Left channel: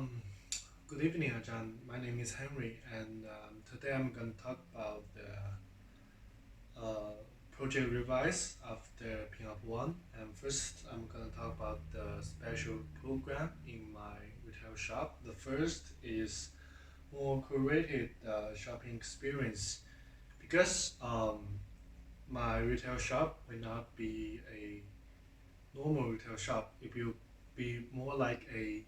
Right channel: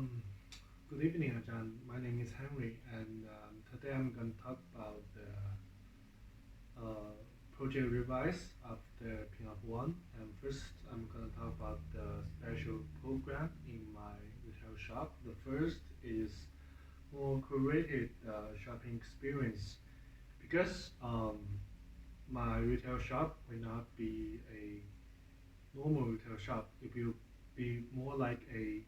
Um, Good evening, Ajahn. My name is Henry, and today I'm going to talk about the project revise after Pinup 1. And first, I'm going to talk about the special program in my retail shop. The first is more curated shopping experience because my retail shop will not be a normal retail shop. It will be more like a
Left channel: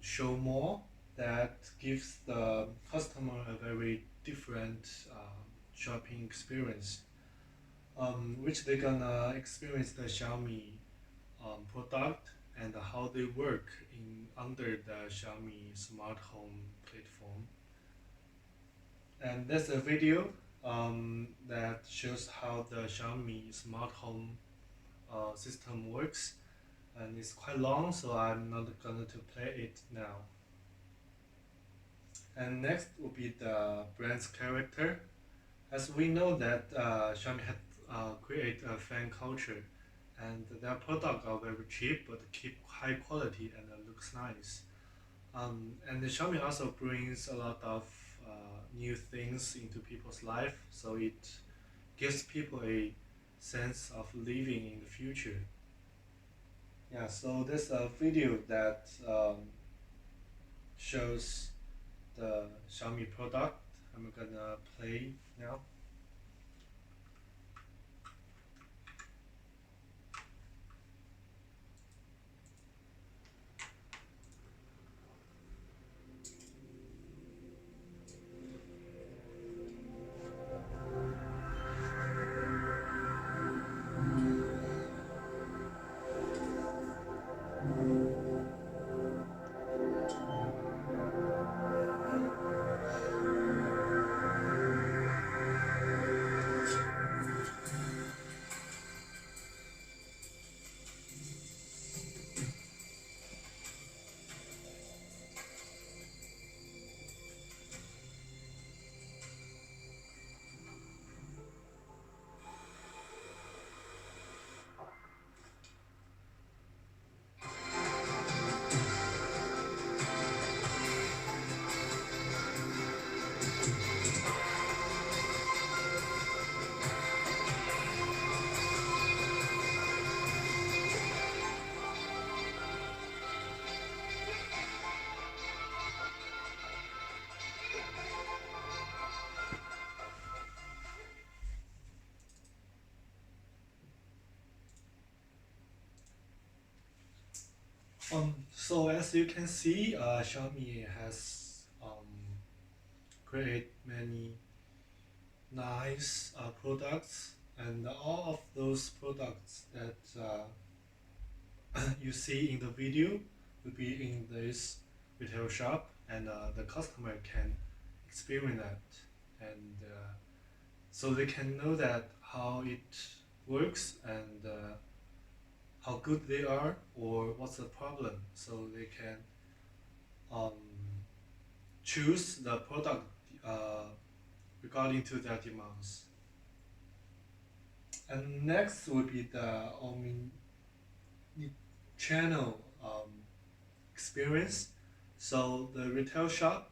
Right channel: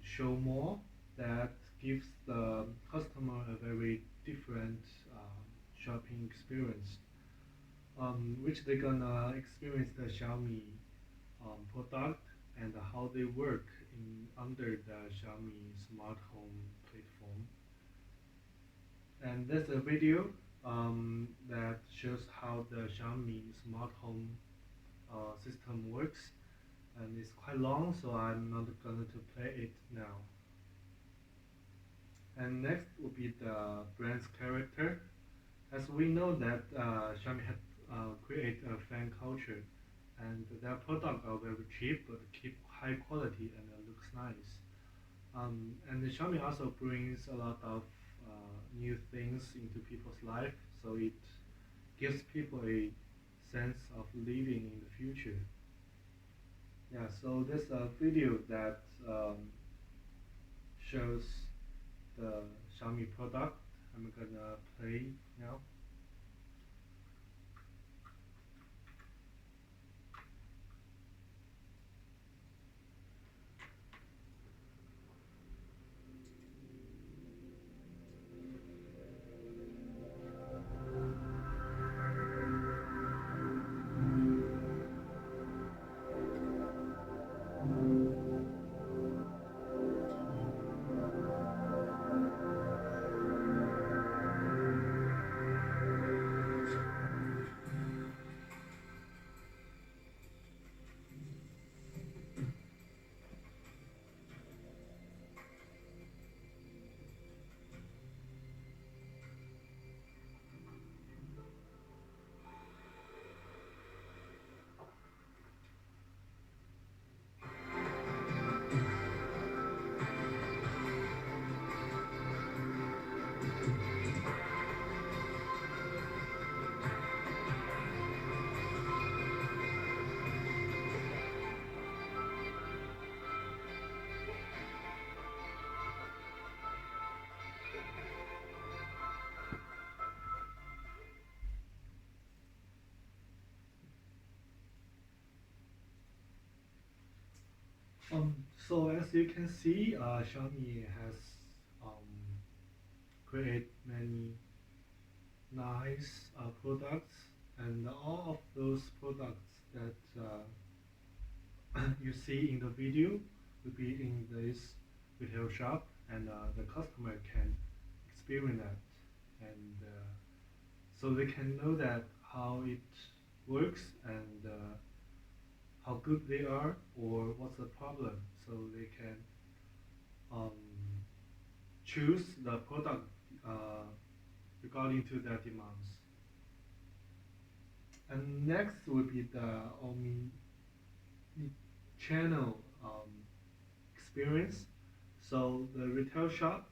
show mall that gives the customer a very different shopping experience, which they're gonna experience the Xiaomi product and how they work in under the Xiaomi smart home platform. And there's a video that shows how the Xiaomi smart home system works, and it's quite long, so I'm not going to play it now. And next will be the brand's character. As we know that Xiaomi had created a fan culture, and their products are very cheap but keep high quality and looks nice. And the Xiaomi also brings a lot of new things into people's life, so it gives people a sense of living in the future. Yeah, so there's a video that shows the Xiaomi product. I'm gonna play now. So as you can see, Xiaomi has created many nice products, and all of those products that you see in the video will be in this retail shop, and the customer can experience that, and so they can know that how it works and how good they are or what's the problem, so they can um, choose the product uh, regarding to their demands. And next would be the omni channel experience. So the retail shop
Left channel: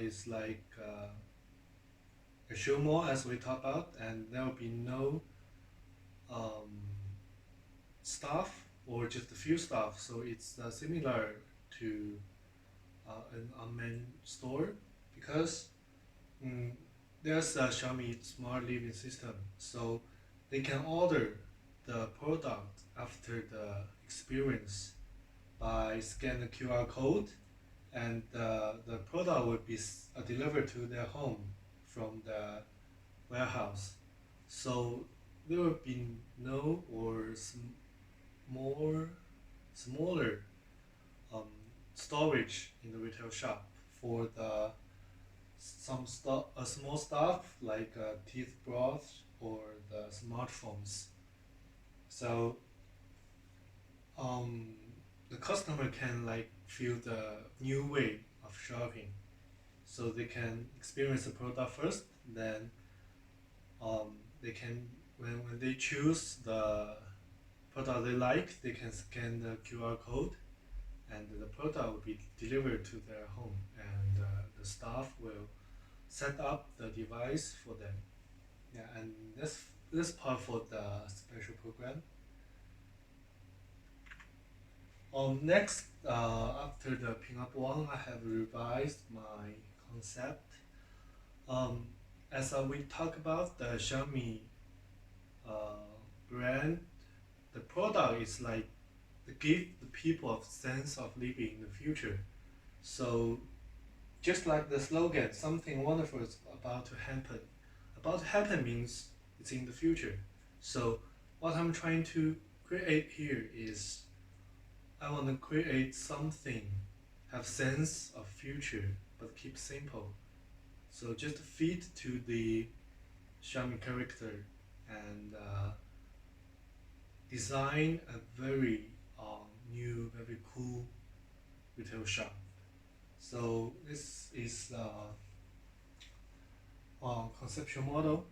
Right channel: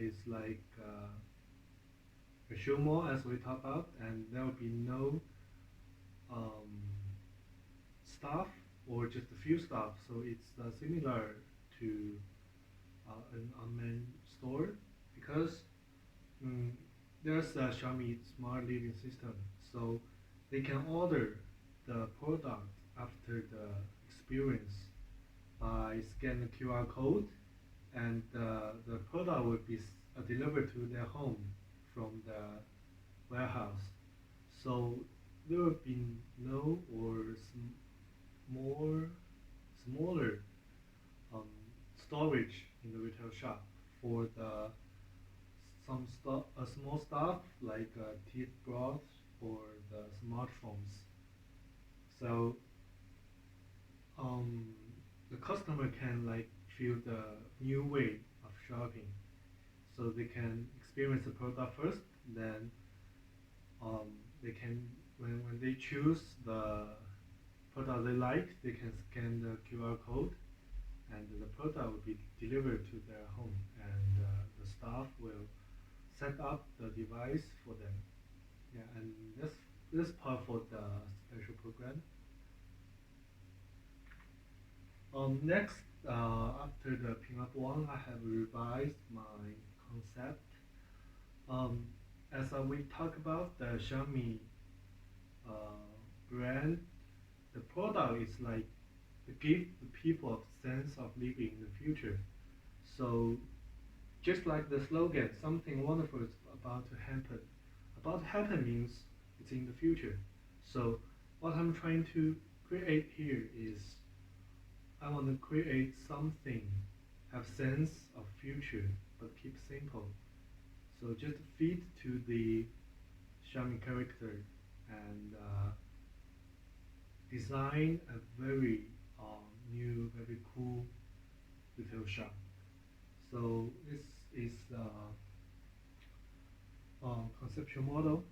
is like a show mall as we talked about, and there will be no um, staff or just a few staff. So it's similar to an unmanned store because mm, there's a Xiaomi smart living system. So they can order the product after the experience by scan the QR code, and the product will be delivered to their home from the warehouse. So there will be no or more smaller um, storage in the retail shop for the some stuff, small stuff like teeth brush or the smartphones. So um, the customer can like feel the new way of shopping. So they can experience the product first, then they can when they choose the product they like, they can scan the QR code, and the product will be delivered to their home, and the staff will set up the device for them. Yeah, and that's part for the special program. Next, after the pinup one, I have revised my concept. Um, as we talk about the Xiaomi brand, the product is like to give the people a sense of living in the future. So just like the slogan, something wonderful is about to happen. About to happen means it's in the future. So what I'm trying to create here is I want to create something have sense of future but keep simple. So just fit to the Xiaomi character and design a very new, very cool retail shop. So this is conceptual model.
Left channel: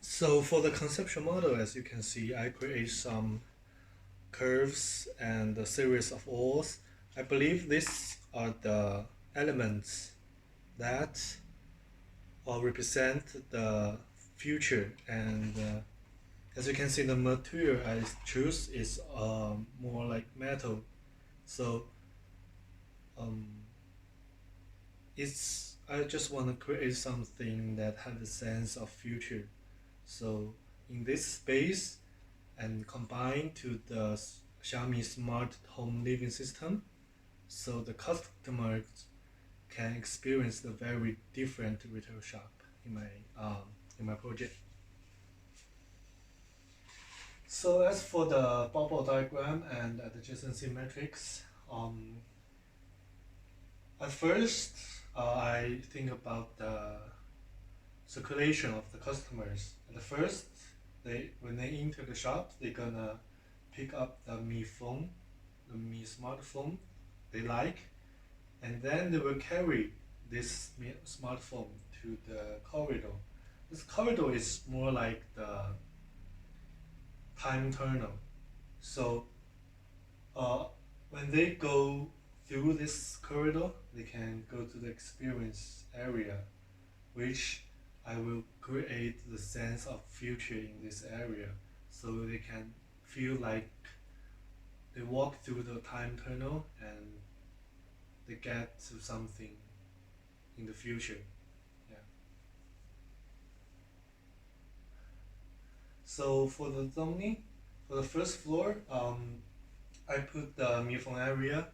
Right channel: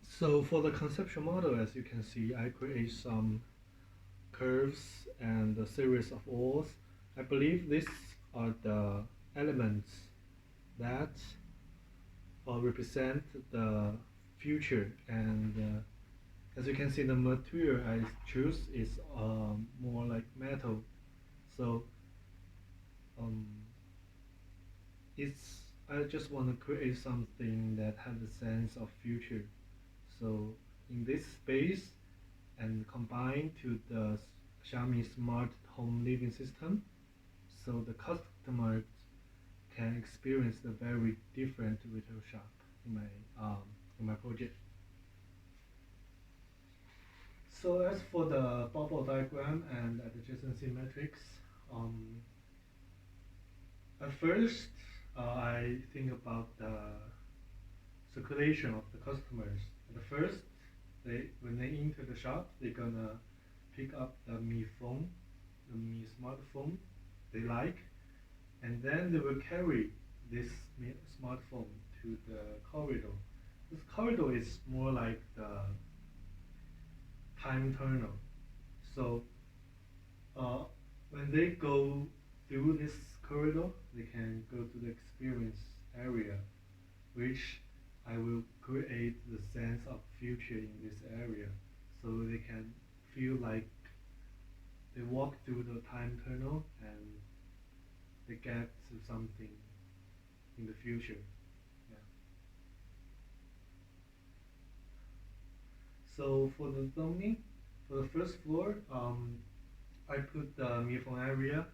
So for the conceptual model, as you can see, I create some curves and a series of oars. I believe these are the elements that represent the future. And as you can see, the material I choose is more like metal. So um, it's I just want to create something that has a sense of future. So in this space and combine to the Xiaomi smart home living system, so the customers can experience the very different retail shop in my project. So as for the bubble diagram and adjacency matrix, at first I think about the circulation of the customers. At first, they when they enter the shop, they're gonna pick up the Mi phone, the Mi smartphone they like, and then they will carry this smartphone to the corridor. This corridor is more like the time tunnel. So uh, when they go through this corridor, they can go to the experience area, which I will create the sense of future in this area, so they can feel like they walk through the time tunnel and they get to something in the future. Yeah. So for the zoning, for the first floor, I put the Mifeng area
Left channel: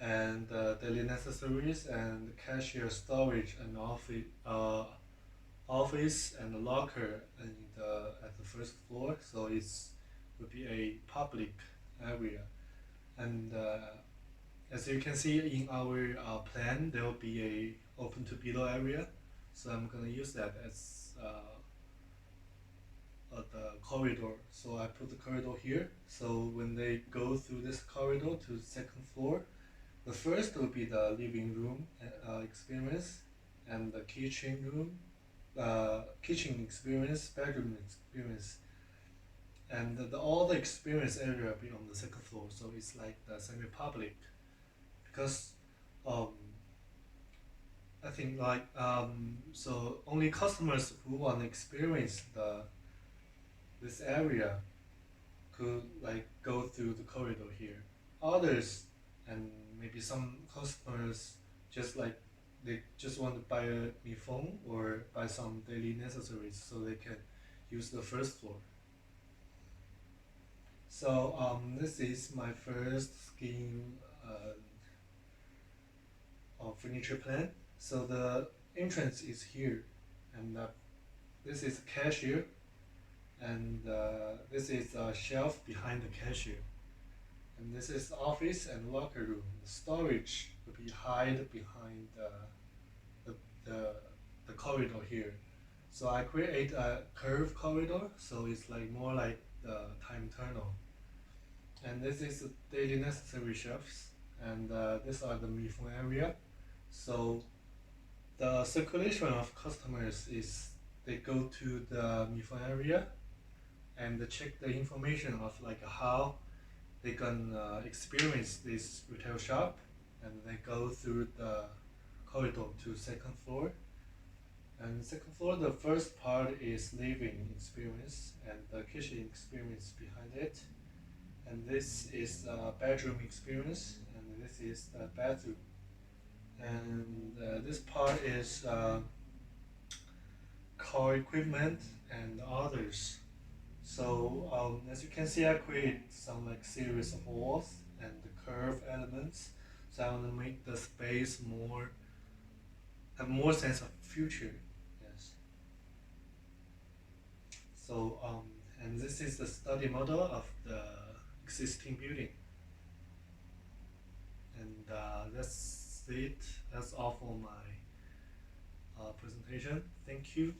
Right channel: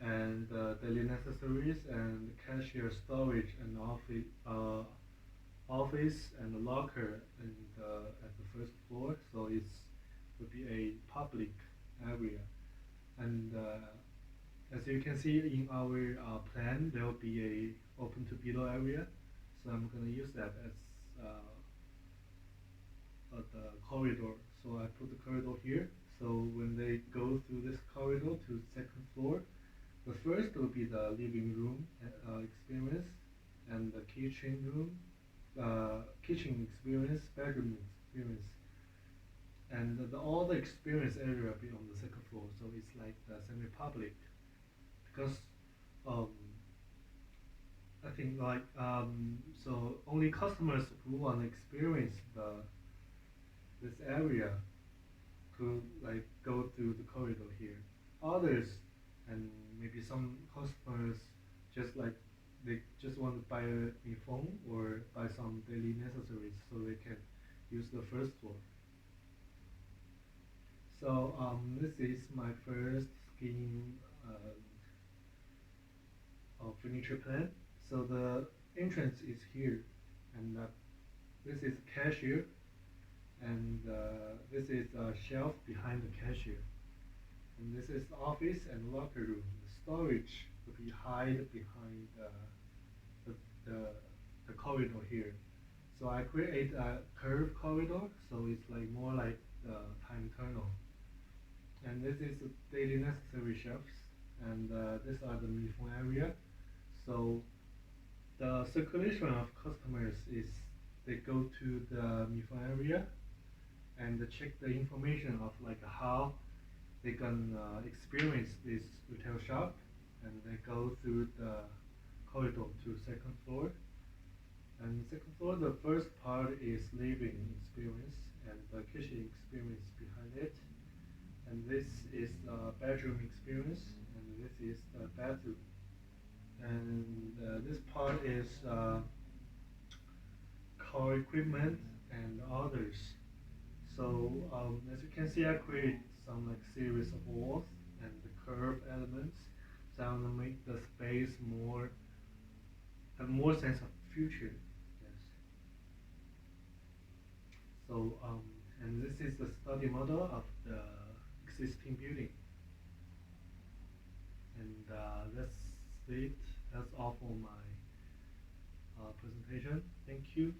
and daily necessaries and cashier storage and office and locker in at the first floor. So it's would be a public area. And as you can see in our plan, there will be a open to below area. So I'm gonna use that as the corridor. So I put the corridor here. So when they go through this corridor to the second floor, the first will be the living room experience, and the kitchen room, kitchen experience, bedroom experience, and all the experience area will be on the second floor. So it's like the semi-public because um, I think like so only customers who want to experience this area could like go through the corridor here. Others and maybe some customers just like they just want to buy a new phone or buy some daily necessaries so they can use the first floor. So this is my first scheme of furniture plan. So the entrance is here, and this is cashier, and this is a shelf behind the cashier, and this is office and locker room. The storage will be hide behind the, the, the corridor here. So I create a curved corridor, so it's like more like the time tunnel. And this is the daily necessary shelves, and these are the Mifeng area. So the circulation of customers is they go to the Mifeng area, and check the information of like how they can experience this retail shop, and they go through the corridor to second floor. And second floor, the first part is living experience and the kitchen experience behind it. And this is a bedroom experience, and this is the bathroom. And this part is car equipment and others. So as you can see, I create some like series of walls and the curve elements. So I want to make the space more have more sense of future. Yes. So and this is the study model of the existing building. And that's it. That's all for my presentation. Thank you.